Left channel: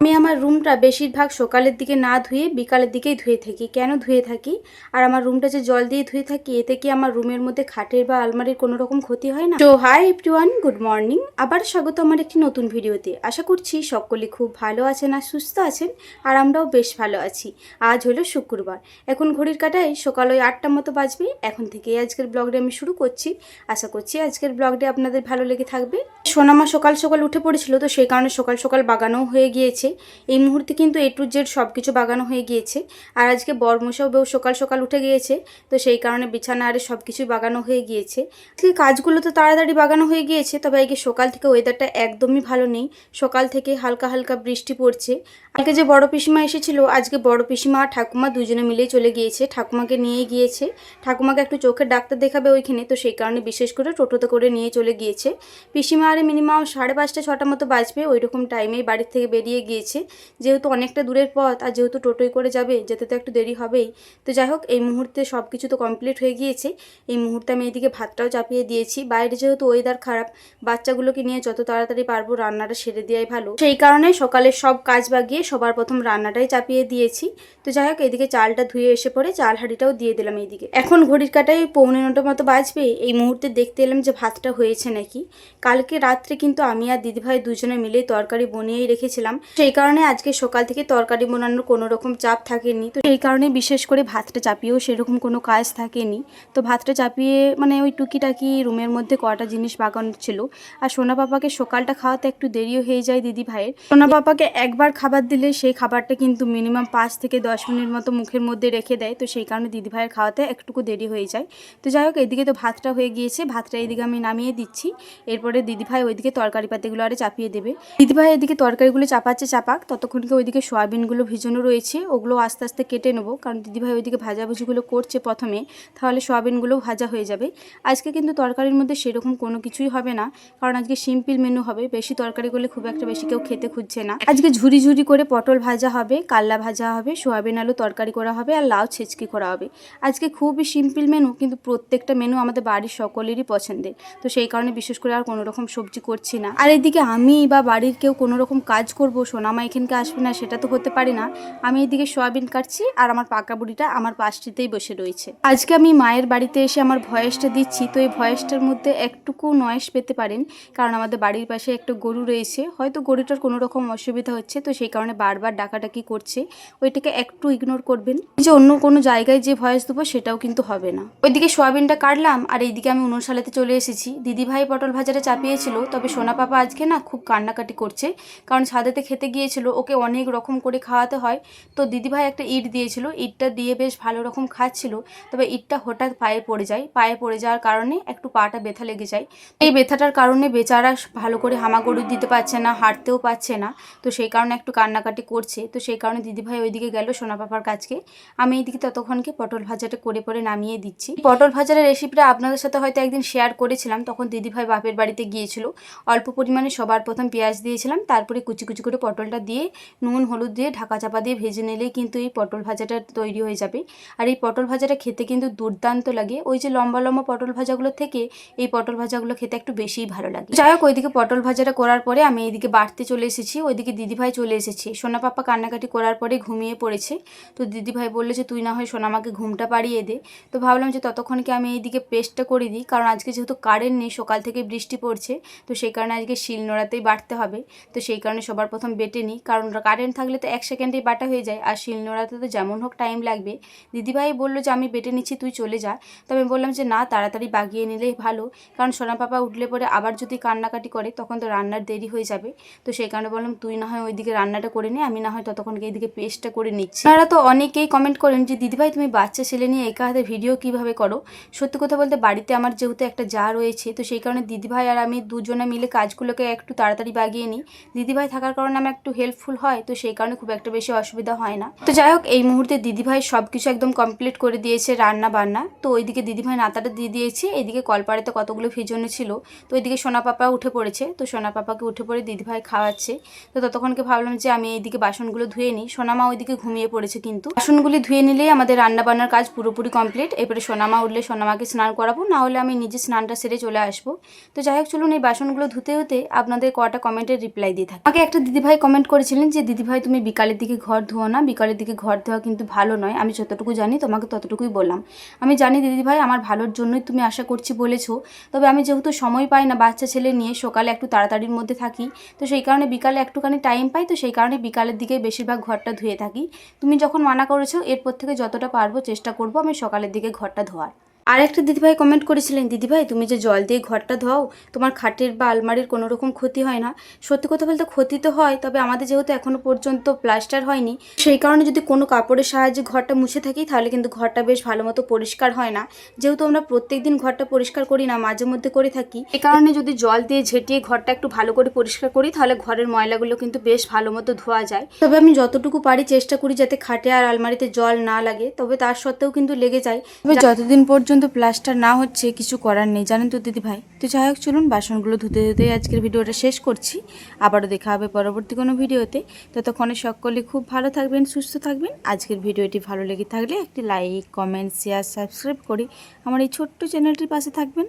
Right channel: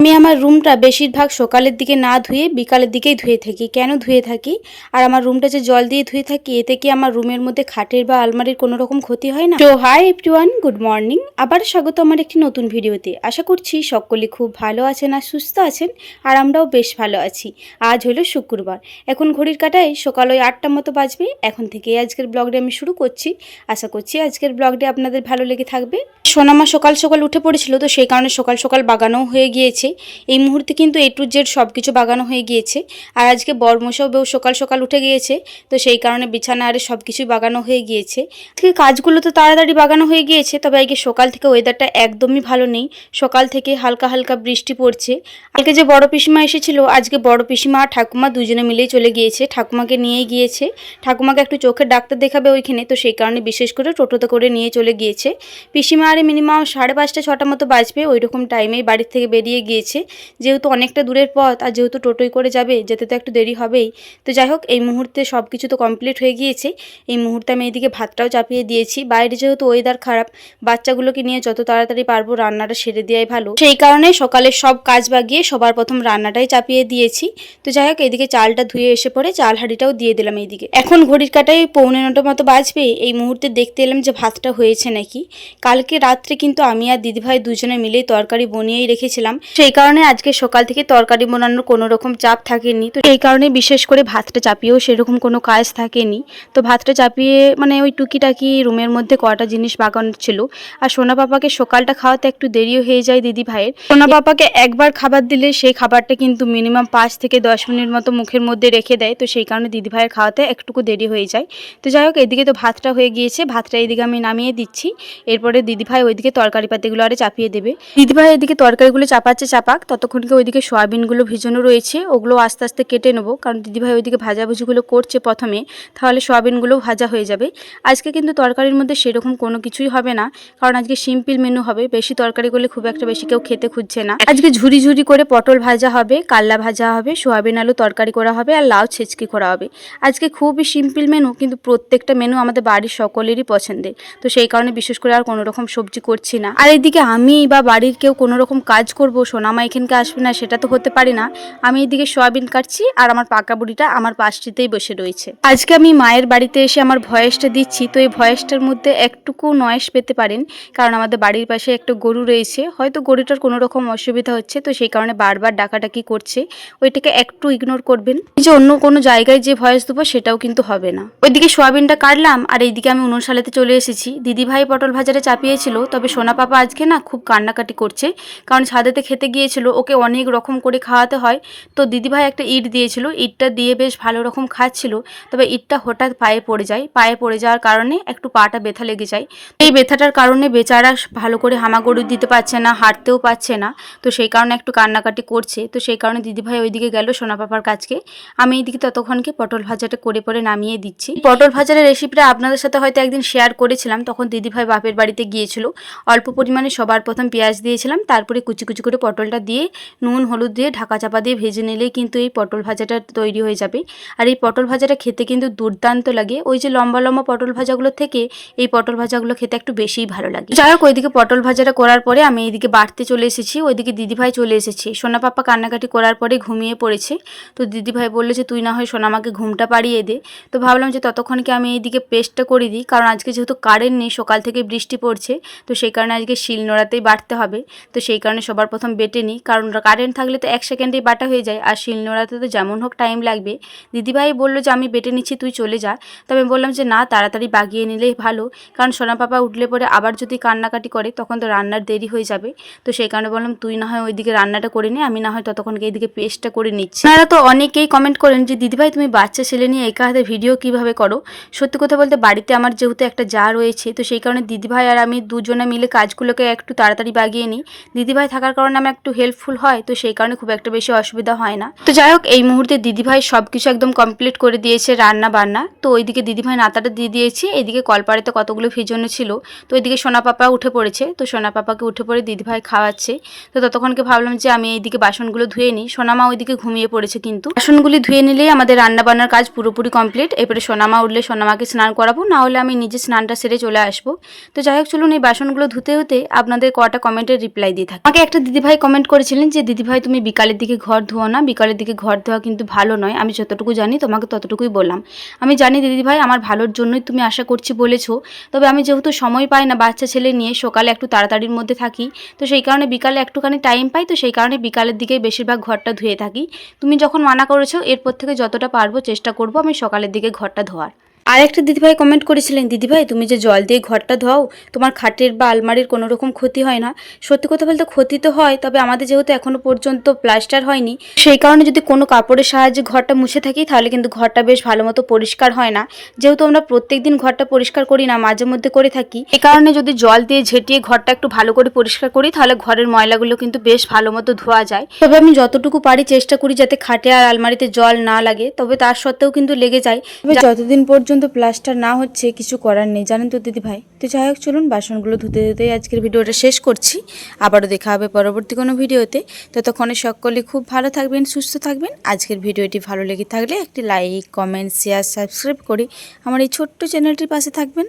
আমি আমার রুমটা বেশিরভাগ সকালের দিকে না ধুয়ে বিকালের দিকেই ধুয়ে থাকি। কেন ধুয়ে থাকি? আর আমার রুমটা যে জল দিয়ে ধুয়ে থাকি, এতে কি আমার রুমের মধ্যে খাটের বা আলমারির কোনো রকম ক্ষতি হয় না? তো হাই এভরিওয়ান, গুড মর্নিং। আবার স্বাগত আমার একটি নতুন ভিডিওতে। আশা করছি সকলে খুব ভালো আছেন আর সুস্থ আছেন, আর আমরাও বেশ ভালো আছি। আজ হলো শুক্রবার, এখন ঘড়ির কাঁটায় সকাল ওই 8টার মতো বাজবে। এখন থেকেই আজকের ব্লগটি আমি শুরু করছি। আশা করছি আজকের ব্লগটি আপনাদের ভালো লেগে থাকবে। সোনামা সকাল সকাল উঠে পড়েছিল, তো সেই কারণে সকাল সকাল বাগানোও হয়ে গিয়েছে। এই মুহূর্তে কিন্তু A to Z সব কিছু বাগানো হয়ে গিয়েছে। আর আজকে বরমশাও বেউ সকাল সকাল উঠে গিয়েছে, তো সেই কারণে বিছানা আরে সব কিছুই বাগানো হয়ে গিয়েছে। আজকে কাজগুলো তো তাড়াতাড়ি বাগানো হয়ে গিয়েছে, তবে আজকে সকাল থেকে ওয়েদারটা একদমই ভালো নেই। সকাল থেকে হালকা হালকা বৃষ্টি পড়ছে। কালকে যে বড় পিসিমা এসেছিল, আজকে বড় পিসিমা আর ঠাকুমা দুজনে মিলেই চলে গিয়েছে। ঠাকুমাকে নিয়ে গিয়েছে, ঠাকুমাকে একটু চোখের ডাক্তার দেখাবে ওইখানে, তো সেই কারণে বিশেষ করে টোটোতে করে নিয়ে চলে গিয়েছে। পিসিমা আরে মিনিমাম 5:30 6টা মতো বাজবে, ওই রকম টাইমেই বাড়ির থেকে বেরিয়ে গিয়েছে। যেহেতু অনেকটা দূরের পথ, আর যেহেতু টোটোয় করে যাবে, যেতে তো একটু দেরি হবেই। তো যাই হোক, এই মুহূর্তে সব কিছু তো কমপ্লিট হয়ে গিয়েছে। এই মুহূর্তে আমি এইদিকে ভাতটাও চাপিয়ে দিয়েছি। বাইরে যেহেতু ওয়েদার খারাপ, বাচ্চাগুলোকে নিয়ে যত তাড়াতাড়ি পারবো রান্নাটা সেরে দেওয়াই ভালো। সেই কারণে সকালের সব কাজ বাগিয়ে সবার প্রথম রান্নাটাই চাপিয়ে দিয়েছি। তো যাই হোক, এদিকে চালটা ধুয়ে এসে পরে চাল হাঁড়িটাও দিয়ে দিলাম এইদিকে। এখন ঘড়ির কাঁটায় 8:45 মতো বাজবে। এই মুহূর্তে দেখতে এলাম যে ভাতটা হয়েছে নাকি। কালকে রাত্রে কিন্তু আমি আর দিদিভাই দুজনে মিলেই তরকারি বনিয়েই রেখেছিলাম, সেই কারণে আজকে সকাল থেকে তরকারি বানানোর কোনো রকম চাপ থাকেনি। তো এই কারণে বিশেষ করে ভাতটা চাপিয়েও সেরকম কোনো কাজ থাকেনি। তো ভাতটা চাপিয়ে মানে ওই টুকিটাকি রুমের মধ্যে কটা জিনিস বাগানোর ছিল। আর সোনা পাপাকে সকালটা খাওয়াতে একটু দেরিও হয়ে যায় দিদি ভাইয়ের। সোনা পাপাকে একবার খাবার দিলে সেই খাবারটা কিন্তু মিনিমাম 5 থেকে 10 মিনিট মতো মুখের মধ্যে রেখে দেয়, তো সেই কারণে দিদি ভাইয়ের খাওয়াতে একটুকু দেরি হয়ে যায়। তো যাই হোক, এদিকে তো ভাতটা হয়ে গিয়েছে, ভাতটা এদিকে আমি নামিয়ে দিচ্ছি। এরপরে দিদিভাই ওইদিকে তরকারি পাতিগুলো আরে চাপিয়ে দেবে। দিদিভাই এদিকে তরকারিগুলো চাপাচ্ছে, চাপাক, ততক্ষণকে ওইদিকে সয়াবিনগুলো ভিজানো রয়েছে, ওগুলো আস্তে আস্তে কেটে নেবো, কারণ দিদিভাই ওইদিকে ভাজাভুজিগুলো করছে প্রথমে, তাহলে সয়াবিনগুলোও ভাজা হয়ে যাবে। আজকে কিন্তু তরকারির মধ্যে সেরকম কোনো কিছুই হবে না, কারণ আজকে সিম্পল মেনু হবে। বেশি তরকারি করলে খুব একটা বেশি কেউ খেতে খুঁজছে না। আজকে ঝুরি ঝুরি করে পটল ভাজা হবে, কাল্লা ভাজা হবে, সয়াবিন আলু তরকারি করা হবে, আর লাউ ছেচকি করা হবে। আজকে খুবই সিম্পল মেনু, কিন্তু প্রত্যেকটা মেনু আমাদের বাড়ির সকলেরই পছন্দের। তো সেই কারণে বিশেষ করে আর কোনো রকম সবজি করছি না। আর এদিকে আমি বা বাড়ির কেউ কোনো রকম কাজ করব, সোনামা এখানকে আসবে না, সেটা তো হতে পারে না। আমি এদিকে সয়াবিন কাটছি, আর আমার পাকা বুড়িটা আমার পাশটিতেই বসে রয়েছে। আজকে আমি মায়ের বাড়িতে এসে আমার ভয়েসটা দিচ্ছি, তো এই ভয়েসটার মধ্যে একটুকু নয়েজ পেতে পারেন, কারণ আমাদের বাড়ির পাশে একটা গরু রয়েছে, হয়তো গরুটার কোনো রকম অসুবিধা হচ্ছে, তো সেই কারণে বারবার ডাকাডাকি করছে। ওইটাকে একটু ইগনোর করবেন। যে অন্য কোনো জায়গায় যে ভয়েস দেবো সেটাও কিন্তু হবে না। ওইদিকে সয়াবিনটা কাটলাম, আর এইদিকে আমি উনুনশালাতে চলে এসেছি। দিদিভাই পটল ভাজাটা চাপিয়েছিল, তবে সোনা পাপা আজকে না খুব কান্নাকাটি করছে, কারণ ছাদেতে খেতে গিয়েছিল, ওকে অনেক রকম করে খাওয়াতে হয়। তো দিদিভাই একটা ইট দিয়েছিল, ইটটা দিয়ে বেশ ভালো রকম খাচ্ছিল, তবে ইটটা হঠাৎ পায়ে পড়ে যায়। পায়ে পড়ে যাওয়ার কারণে একটু পাটা ব্যথা লেগে যায়। এই ব্যথাটার কারণে বেচারা ভালো করে হামাগুড়ি দিতে পারছে না, হাঁটতেও পারছে না, তো সেই কারণে একটু কান্নাকাটি করছে। তো সেই কারণে দিদিভাই ওইদিকে গেল সোনা পাপার কাছকে। আমি এইদিকে ততক্ষণকে পটল ভাজাটা করে পরে নামিয়ে দিচ্ছি। পটল ভাজার রেসিপিটা আপনাদের সাথে হয়তো একদিন শেয়ার করেছিলাম, তখন দিদিভাই বাপের বাড়িতে গিয়েছিল। অল্প পরিমাণে সবার প্রথম পেঁয়াজ দিয়েছিলাম, তারপরে কুচি কুচি করে পটলটা দিয়ে নুন হলুদ দিয়ে ঢাকা চাপা দিয়ে ভেজে নিলেই কিন্তু এই পটল ভাজাটা তৈরি হয়ে যাবে। আর এই পটল ভাজাটা খেতে কিন্তু দুর্দান্ত লাগে। ওই যে লম্বা লম্বা পটল ভাজাগুলো থেকে এই পটল ভাজাগুলো খেতে একটু বেশিই ভালো লাগে। যাই হোক, ওইদিকে পটল ভাজাটা করার পরে আমি এইদিকে বাড়তে চলে এসেছি, ওইদিকে দিদিভাই চলে এসেছে। সোনা পাপা কান্নাকাটি করার পরে ঘুমিয়ে পড়েছে। তো দিদিভাই বললো যে তুই না হয় সোনামাকে ঘুমটা পাড়িয়ে দে। তো ভাবলাম যে ততক্ষণকে আমি এইদিকে পেস্টটা করে দিই, কারণ আজকে যেহেতু কারেন্ট নেই, সকাল থেকে বৃষ্টি পড়ছে, তো সেই কারণে আজকে শিলনোড়াতেই বাটতে হবে। তো সেই কারণে সবার প্রথম বেটে নিই, কারণ কারেন্ট থাকলে তো 1 সেকেন্ডেই বাটা হয়ে যায়, আর শিলনোড়াতে তো যেমন হোক টাইম লাগবে। দিদিভাই বললো যে আমি বেটে নিচ্ছি, তুই চলে যা। তবে আমি বললাম যে না, তাড়াতাড়ি বাগিয়ে নিলেই ভালো, কারণ সোনা পাপা উঠলে পরে আবার যদি কান্নাকাটি করে তখন তো রান্নার দেরি হয়ে যাবে। তো সেই কারণে বললাম তুই না হয় ওইদিকে রান্নাটা করে নে, আমি না হয় ততক্ষণকে এইদিকে পেস্টটা করে নিচ্ছি। আপনারা তো অনেকেই কমেন্ট করেন যে দিদিভাই তুমি বাচ্চা ছেলে নিয়ে একা হাতে ভিডিও কিভাবে করো। সত্যি কথা বলতে বাড়িতে আমার যেহেতু একটা জা রয়েছে, তো সেই কারণে দিদিভাই আর আমি দুজনে মিলে কাজগুলোকে একটু তাড়াতাড়ি বাগিয়ে নিই। দিদিভাই থাকার কারণে আমার একটু হেল্পফুল হয়, তো সেই কারণে খুব একটা বেশি অসুবিধা হয় না। তো যাই হোক, এই মুহূর্তে দিদিভাই সব কিছু একদম কমপ্লিট করে দিয়েছে রান্না বান্না। তো ওইদিকে দিদিভাই নাতাটা দিয়ে দিয়েছে, এদিকে কলপাড়েতে কতগুলো ভিজানো ছিল, তো ওইদিকে সোনা পাপা উঠে পড়েছে। তো সোনা পাপাকে উঠে পড়ে দিদিভাই খাওয়াচ্ছে। তো ততক্ষণকে ভাবলাম যে আমি এইদিকে বাসনগুলো ধুয়ে নিই। সোনামা ওইদিকে ঘুমিয়ে পড়েছে, কিন্তু বাসনগুলি ধুয়ে নিলেই আমাদের রান্না বান্নার কাজ পুরোপুরি কমপ্লিট। এরপরে সোনামা উঠলে সোনামাকে স্নান করাবো, না হলে আমি নিজে স্নানটা সেরে চলে আসবো। তো যাই হোক, চলুন এই বাসনগুলো ধুতে হতে আপনাদের কটা কমেন্টের রিপ্লাই দিয়ে থাকি। আমাকে একটা দিদিভাই কমেন্ট করেছিলেন যে দিদিভাই তুমি বিকালের দিকে ঘর ধোও না, বিকালের দিকে ঘর ধোয়া কিন্তু ভালো নয়। আমি যতটুকু জানি তোমাকে ততটুকুই বললাম। আমি জানি দিদিভাই আমার ভালোর জন্যই তুমি আশা করছি বলেছো, তবে আমি যেহেতু সময় পাই না বাচ্চা ছেলে নিয়ে, সকালে একটু তাড়াতাড়ির মধ্যে থাকি, তো সেই কারণে বিকালে একটুখানি টাইম পাই, তো সেই কারণে বিকালের দিকেই বেশিরভাগ ঘরটা ধুয়ে থাকি। তুমি যখন মানা করেছো এরপর থেকে যতটা পারবো চেষ্টা করবো আমি সকালের দিকে ঘরটা ধোয়ার। আর একটা দিদিভাই কমেন্ট করেছিলেন দিদিভাই তুমি যে জল দিয়ে ঘরটা ধোও তোমার খাটের বা আলমারির কোনো রকম ক্ষতি হয় না। সত্যি কথা বলতে ক্ষতি তো হয়, তবে আমাদের যেহেতু এখনো পর্যন্ত প্লাস্টার হয়নি সেই কারণে যদি কোনো কাপড়ের সাহায্যে ঘরটা মুছে থাকি তাহলে কিন্তু ঘরটা বেশ ভালো মতো পরিষ্কার হয় না। যেহেতু আমরা প্রত্যেকদিন ঘরটা পরিষ্কার করি না, মাঝে মধ্যে করে থাকি, এই কারণে যদি জল দিয়ে ঝেঁটিয়ে ঘরটা একটু ভালো করে পরিষ্কার করি তাহলে ঘরের ময়লাগুলো কিন্তু বেশ ভালো মতো ধোয়া যায়। তবে আমি যতটুকু পারি চেষ্টা করি যাতে খাটে আর আলমারিতে জল না লাগে, তবে তার সত্ত্বেও কিন্তু লেগে যায়। তবে যতদিন পর্যন্ত প্লাস্টার না হচ্ছে কিছু করার নেই, জানেন তো দিদিভাই। তো যাই হোক, চলুন বাসনগুলো ধুতে ধুতে আজকের ভিডিওটা শেষ করছি। আবারও দেখা হবে পরবর্তী কোনো ভিডিওতে। ততক্ষণে সকলে খুব ভালো থাকবেন, সুস্থ থাকবেন। আজকের ভিডিওটি ভালো লেগে থাকলে একটি লাইক, কমেন্ট, শেয়ার, সাবস্ক্রাইব করে আমার এই ছোট্ট চ্যানেলটির পাশে থাকবেন।